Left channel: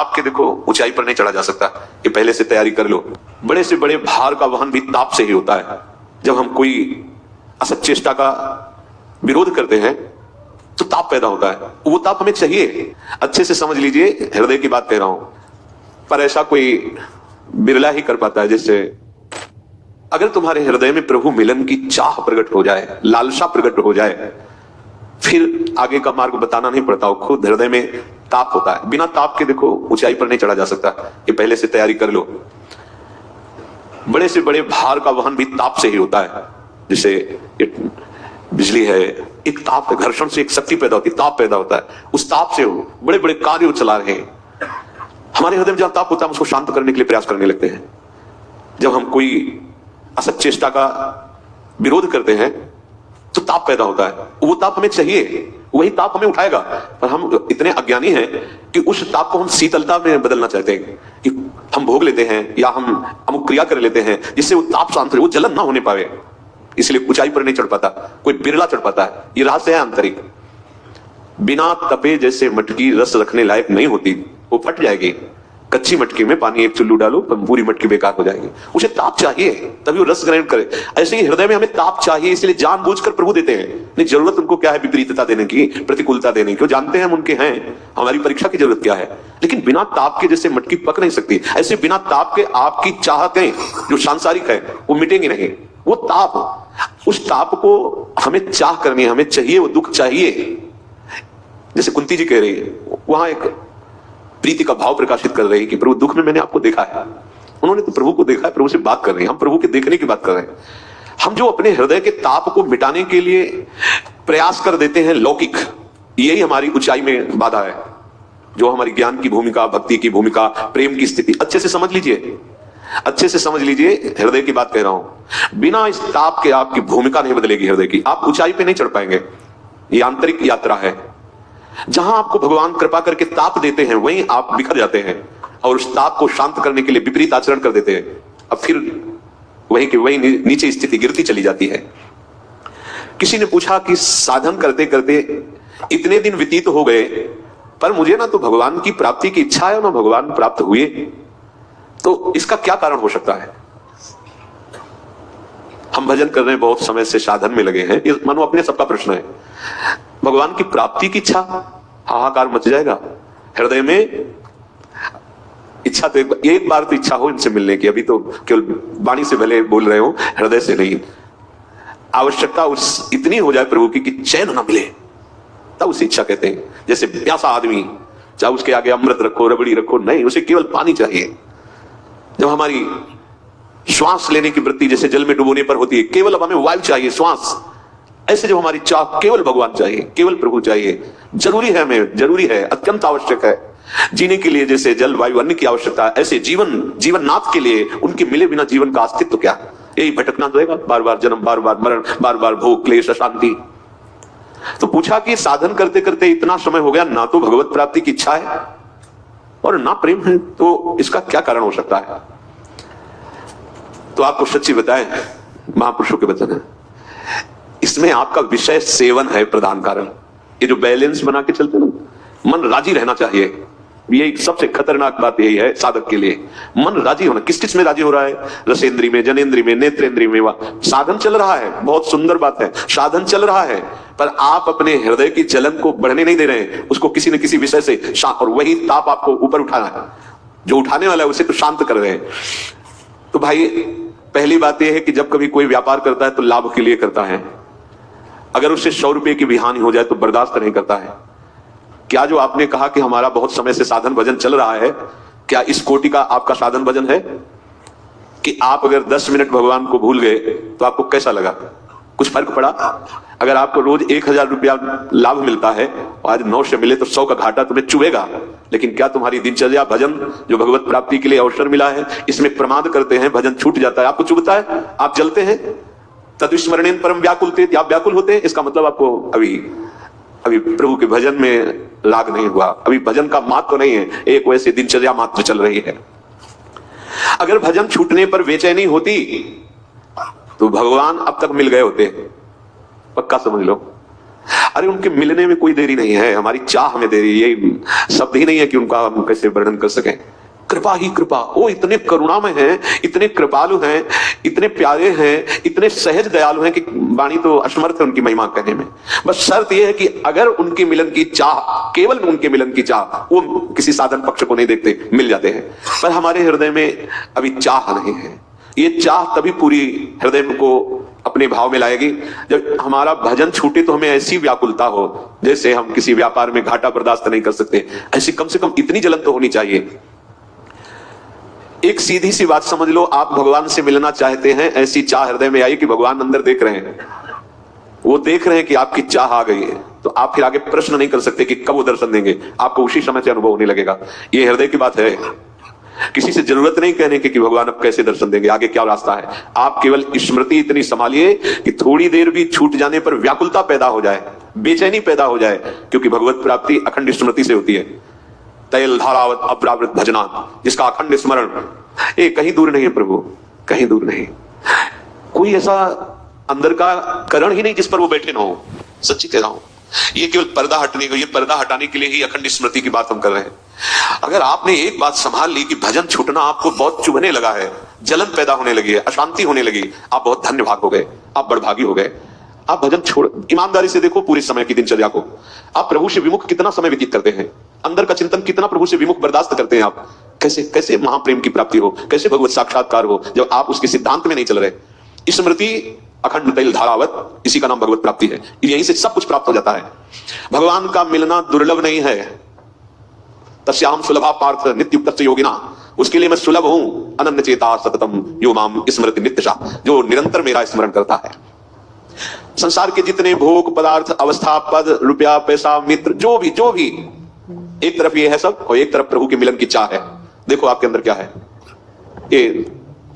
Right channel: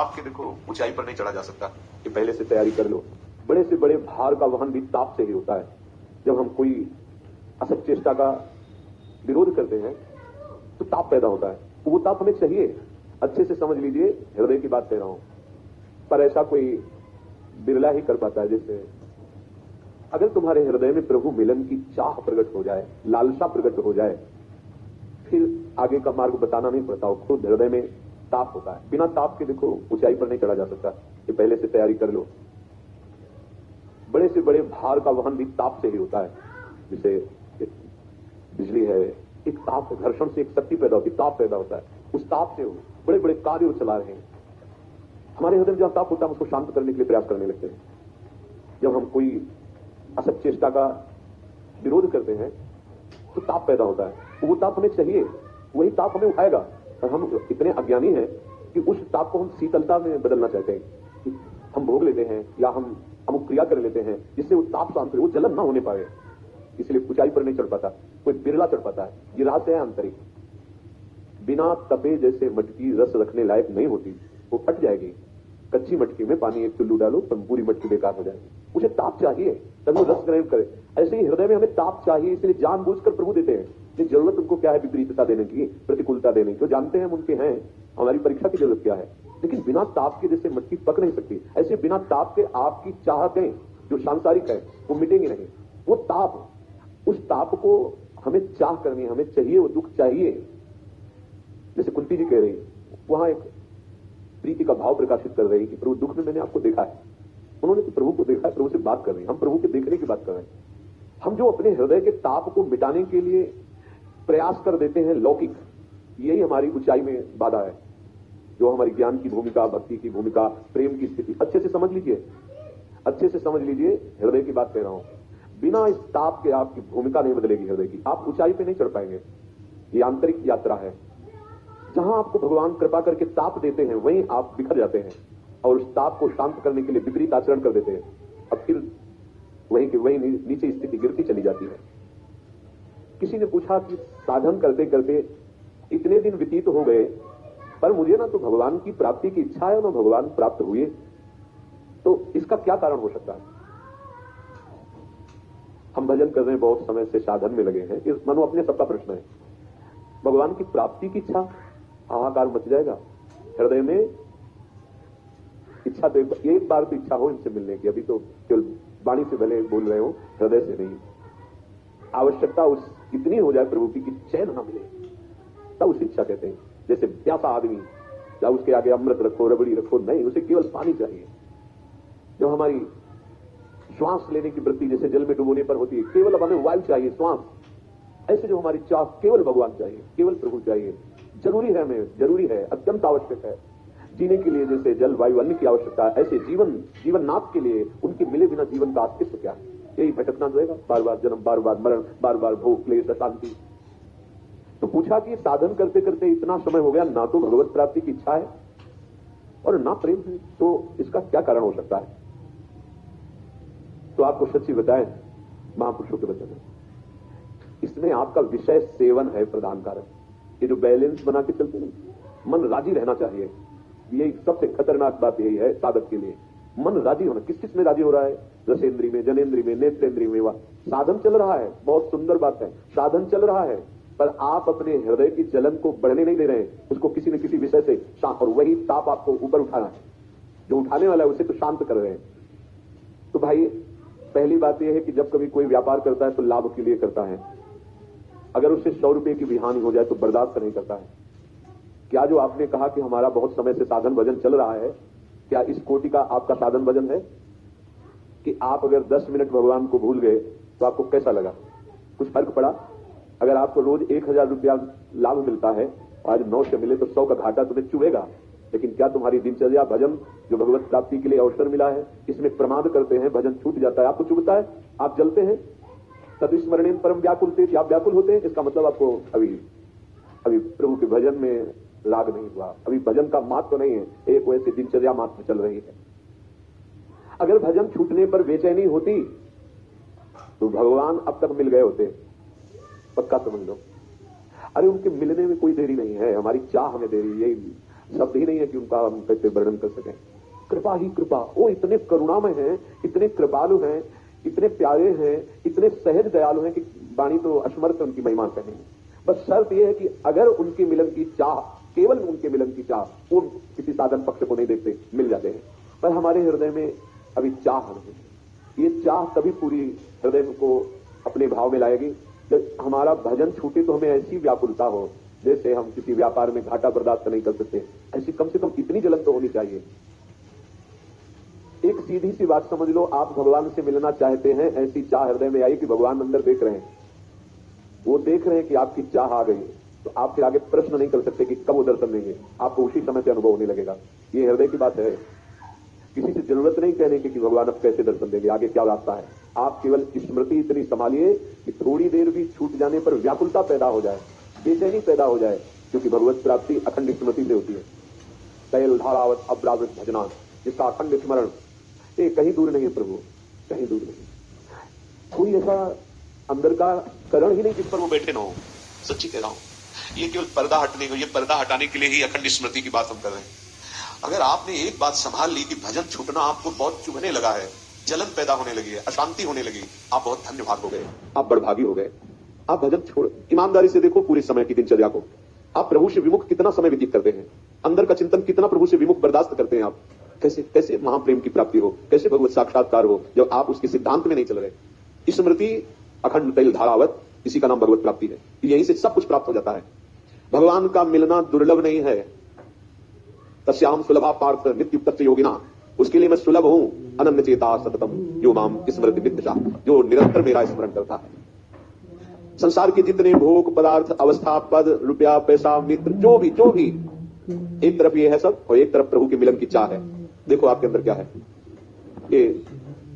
ताप के देखो ऊंचाई पर नहीं चढ़ा जा सकता, ये पहले से तैयारी कर लो। बड़े से बड़े भार का वहन भी ताप से ही होता है। जब हम कोई असत चेष्टा का विरोध करते हैं तो ताप पैदा होता है, वो ताप हमें चाहिए। अच्छे से समझ लीजिए, हृदय की बात कह रहा हूं, पर ऐसा कोई बिरला ही कर पाता है। जैसे अगर तुम्हारे हृदय में प्रभु मिलन की चाह प्रकट हो जाए, लालसा प्रकट हो जाए, फिर आगे का मार्ग बताना नहीं पड़ता, वो खुद हृदय में ताप होता है। बिना ताप के देखो ऊंचाई पर नहीं चढ़ा जा सकता, ये पहले से तैयारी कर लो। बड़े से बड़े भार का वहन भी ताप से ही होता है। जैसे बिजली है, एक ताप है, घर्षण से एक शक्ति पैदा होती है, ताप पैदा होता है। उस ताप से वो बड़े बड़े कार्य चला रहे हैं। हमारे हृदय में जहां ताप होता है, हम उसको शांत करने के लिए प्रयास करने लगते हैं। जब हम कोई असत चेष्टा का विरोध करते हैं तो ताप पैदा होता है, वो ताप हमें चाहिए, वही ताप हमें उठाएगा। पर हम इतने अज्ञानी हैं कि उस ताप को हम शीतलता में बदलना चाहते हैं कि हम भोग लेते हैं या हम अमुक क्रिया कर लेते हैं जिससे वो ताप शांत रहे, वो जलन ना होने पावे, इसलिए ऊंचाई पर नहीं चढ़ पाता, कोई बिरला चढ़ पाता है। ये रहस्य है आंतरिक। बिना तपे जैसे मटकी रस रखने लायक नहीं होती, वो फट जाएगी। कच्ची मटकी में पानी एक चुल्लू डालो, पूरी मटकी बेकार हो जाएगी। उसे ताप चाहिए तभी वो रस ग्रहण करे। ऐसे ही हृदय में हमें ताप चाहिए, इसलिए जानबूझकर प्रभु देते हैं। नहीं, जरूरत उनको क्या है विपरीतता देने की, प्रतिकूलता देने की, वो जानते हैं हम उनके हैं, हमारी परीक्षा की जरूरत क्या है। लेकिन बिना ताप के जैसे मटकी पक नहीं सकती, ऐसे बिना ताप के आपकी चाहतें जो सांसारिक है वो मिटेंगी नहीं। वो ताप, उस ताप को हमें चाह करनी है, हमें चाहिए, वो दुख चाहिए। जैसे कुंती जी कह रही है, वहां एक प्रीति का भाव प्रकाशित कर रही है कि प्रभु दुख में मैंने आपको देखा है। उन्होंने तो प्रभु को देखा है, प्रभु से बात कर रहे हैं, हम प्रभु के देखने की बात कर रहे हैं। हम जो अपने हृदय के ताप को मिटाने के लिए प्रयास कर देते हैं लौकिक, यही हमारी ऊंचाई में बाधा है। जो हमारी ज्ञान की भूमिका, भक्ति की भूमिका, प्रेम की स्थिति, अच्छे से समझ लीजिए, अच्छे से समझ लीजिए, हृदय की बात कह रहा हूं। बिना इस ताप के आपकी भूमिका नहीं बदलेगी हृदय की, आप ऊंचाई पे नहीं चढ़ पाएंगे। ये आंतरिक यात्रा है। जहां आपको भगवान कृपा करके ताप देते हैं वहीं आप बिखर जाते हैं और उस ताप को शांत करने के लिए विपरीत आचरण कर देते हैं। अब फिर वहीं के वहीं नीचे स्थिति गिरती चली जाती है। किसी ने पूछा कि साधन करते करते इतने दिन व्यतीत हो गए, पर मुझे ना तो भगवान की प्राप्ति की इच्छा है ना भगवान प्राप्त हुए, तो इसका क्या कारण हो सकता है? हम भजन कर रहे हैं, बहुत समय से साधन में लगे हैं, ये मानो अपने सबका प्रश्न है। भगवान की प्राप्ति की इच्छा, हाहाकार मच जाएगा हृदय में। इच्छा तो एक बार तो इच्छा हो इनसे मिलने की, अभी तो केवल वाणी से भले बोल रहे हो, हृदय से नहीं। आवश्यकता उस इतनी हो जाए प्रभु की कि चैन ना मिले, तब उसे इच्छा कहते हैं। जैसे प्यासा आदमी, चाहे उसके आगे अमृत रखो, रबड़ी रखो, नहीं, उसे केवल पानी चाहिए। जब हमारी श्वास लेने की वृत्ति जैसे जल में डुबोने पर होती है, केवल अब हमें वायु चाहिए, श्वास, ऐसे जब हमारी चाह केवल भगवान चाहिए, केवल प्रभु चाहिए, जरूरी है, हमें जरूरी है, अत्यंत आवश्यक है जीने के लिए। जैसे जल वायु अन्न की आवश्यकता है, ऐसे जीवननाथ के लिए उनके मिले बिना जीवन का अस्तित्व क्या? यही भटकना रहेगा, बार बार जन्म, बार बार मरण, बार बार भोग, क्लेश, अशांति। तो पूछा कि साधन करते करते इतना समय हो गया, ना तो भगवत प्राप्ति की इच्छा है और ना प्रेम है, तो इसका क्या कारण हो सकता है? तो आपको सच्ची बताएं, महापुरुषों के वचन है, इसमें आपका विषय सेवन है प्रधान कारण। ये जो बैलेंस बना के चलते ना, मन राजी रहना चाहिए, ये सबसे खतरनाक बात यही है साधक के लिए। मन राजी होना, किस किस में राजी हो रहा है? रसेंद्री में, जनेंद्री में, नेत्रेंद्री में। साधन चल रहा है, बहुत सुंदर बात है, साधन चल रहा है, पर आप अपने हृदय की जलन को बढ़ने नहीं दे रहे हैं, उसको किसी न किसी विषय से और वही ताप आपको ऊपर उठाना है, जो उठाने वाला है उसे तो शांत कर रहे हैं। तो भाई, पहली बात यह है कि जब कभी कोई व्यापार करता है तो लाभ के लिए करता है। अगर उससे 100 रुपए की भी हानि हो जाए तो बर्दाश्त नहीं करता है। क्या जो आपने कहा कि हमारा बहुत समय से साधन भजन चल रहा है, क्या इस कोटि का आपका साधन भजन है कि आप अगर 10 मिनट भगवान को भूल गए तो आपको कैसा लगा? कुछ फर्क पड़ा? अगर आपको रोज 1000 रुपया लाभ मिलता है और आज 9 से मिले तो 100 का घाटा तुम्हें चुभेगा। लेकिन क्या तुम्हारी दिनचर्या, भजन जो भगवत प्राप्ति के लिए अवसर मिला है, इसमें प्रमाद करते हैं, भजन छूट जाता है, आपको चुभता है, आप जलते हैं? तद्विस्मरणेन परम व्याकुलते, आप व्याकुल होते हैं, इसका मतलब आपको अभी प्रभु के भजन में लाग नहीं हुआ, अभी भजन का मात्र नहीं है, एक वैसी दिनचर्या मात्र चल रही है। अगर भजन छूटने पर बेचैनी होती तो भगवान अब तक मिल गए होते, पक्का समझ लो। अरे उनके मिलने में कोई देरी नहीं है, हमारी चाह हमें दे रही है। ये शब्द ही नहीं है कि उनका हम कैसे वर्णन कर सकें। कृपा ही कृपा। वो इतने करुणामय हैं, इतने कृपालु हैं, इतने प्यारे हैं, इतने सहज दयालु हैं कि वाणी तो असमर्थ है उनकी महिमा कहने में। बस शर्त यह है कि अगर उनके मिलन की चाह, केवल उनके मिलन की चाह, वो किसी साधन पक्ष को नहीं देखते, मिल जाते हैं। पर हमारे हृदय में अभी चाह नहीं है। ये चाह तभी पूरी हृदय को अपने भाव में लाएगी जब हमारा भजन छूटे तो हमें ऐसी व्याकुलता हो जैसे हम किसी व्यापार में घाटा बर्दाश्त नहीं कर सकते। ऐसी कम से कम इतनी जलन तो होनी चाहिए। एक सीधी सी बात समझ लो, आप भगवान से मिलना चाहते हैं, ऐसी चाह हृदय में आई कि भगवान अंदर देख रहे हैं, वो देख रहे हैं कि आपकी चाह आ गई है, तो आप फिर आगे प्रश्न नहीं कर सकते कि कब वो दर्शन देंगे। आपको उसी समय से अनुभव होने लगेगा। ये हृदय की बात है। किसी से जरूरत नहीं कहने की कि भगवान अब कैसे दर्शन देंगे, आगे क्या रास्ता है। आप केवल स्मृति इतनी संभालिए कि थोड़ी देर भी छूट जाने पर व्याकुलता पैदा हो जाए, बेचैनी पैदा हो जाए, क्योंकि भगवत प्राप्ति अखंड स्मृति से होती है। तैल धारावत अपरावृत भजना, जिसका अखंड स्मरण ये कहीं दूर नहीं है प्रभु, कहीं दूर नहीं। कोई ऐसा अंदर का करण ही नहीं जिस पर वो बैठे ना हो। सच्ची कह रहा हूं, ये केवल पर्दा हटने को, ये पर्दा हटाने के लिए ही अखंड स्मृति की बात हम कर रहे हैं। अगर आपने एक बात संभाल ली कि भजन छूटना आपको बहुत चुभने लगा है, जलन पैदा होने लगी है, अशांति होने लगी, आप बहुत धन्य भाग हो गए, आप बड़भागी हो गए। आप भजन छोड़, ईमानदारी से देखो पूरी समय की दिनचर्या को। आप प्रभु से विमुख कितना समय व्यतीत करते हैं, अंदर का चिंतन कितना प्रभु से विमुख बर्दाश्त करते हैं आप। कैसे कैसे महाप्रेम की प्राप्ति हो, कैसे भगवत साक्षात्कार हो जब आप उसके सिद्धांत में नहीं चल रहे। स्मृति अखंड तैल धारावत, इसी का नाम भगवत प्राप्ति है। यहीं से सब कुछ प्राप्त हो जाता है। भगवान का मिलना दुर्लभ नहीं है। तस्याम सुलभा पार्थ नित्युक्त योगिना, उसके लिए मैं सुलभ हूं। अनन्य चेता सततम यो माम स्मृति नित्यशा, जो निरंतर मेरा स्मरण करता है। संसार के जितने भोग पदार्थ, अवस्था, पद, रुपया, पैसा, मित्र, जो भी एक तरफ ये है सब, और एक तरफ प्रभु के मिलन की चाह है। देखो आपके अंदर क्या है। ये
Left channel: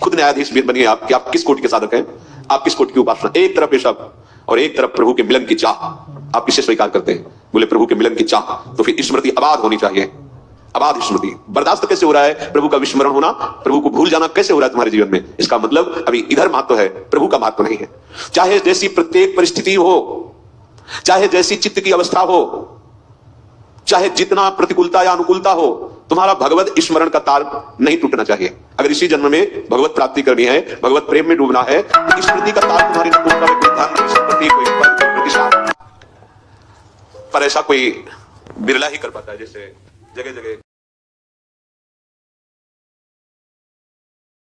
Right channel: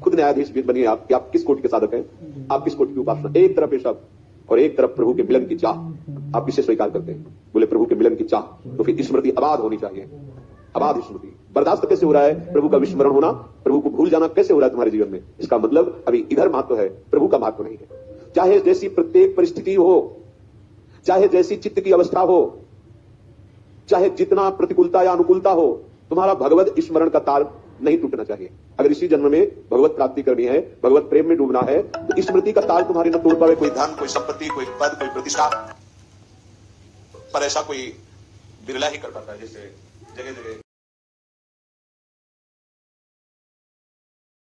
खुद न्यायाधीश बनिए आप कि आप किस कोटि के साधक हैं, आप किस कोटि की उपासना। एक तरफ ये सब और एक तरफ प्रभु के मिलन की चाह। आप किसे स्वीकार करते हैं? बोले प्रभु के मिलन की चाह। तो फिर स्मृति अबाध होनी चाहिए। अबाध स्मृति। बर्दाश्त कैसे हो रहा है प्रभु का विस्मरण होना, प्रभु को भूल जाना कैसे हो रहा है तुम्हारे जीवन में? इसका मतलब अभी इधर महत्व है, प्रभु का महत्व नहीं है। चाहे जैसी प्रत्येक परिस्थिति हो, चाहे जैसी चित्त की अवस्था हो, चाहे जितना प्रतिकूलता या अनुकूलता हो, तुम्हारा भगवत स्मरण का तार नहीं टूटना चाहिए। अगर इसी जन्म में भगवत प्राप्ति करनी है, भगवत प्रेम में डूबना है, तो स्मृति का तार तुम्हारी न टूटना है। कोई धन, कोई संपत्ति, कोई पद, कोई प्रतिष्ठा, पर ऐसा कोई बिरला ही कर पाता है। जैसे जगह जगह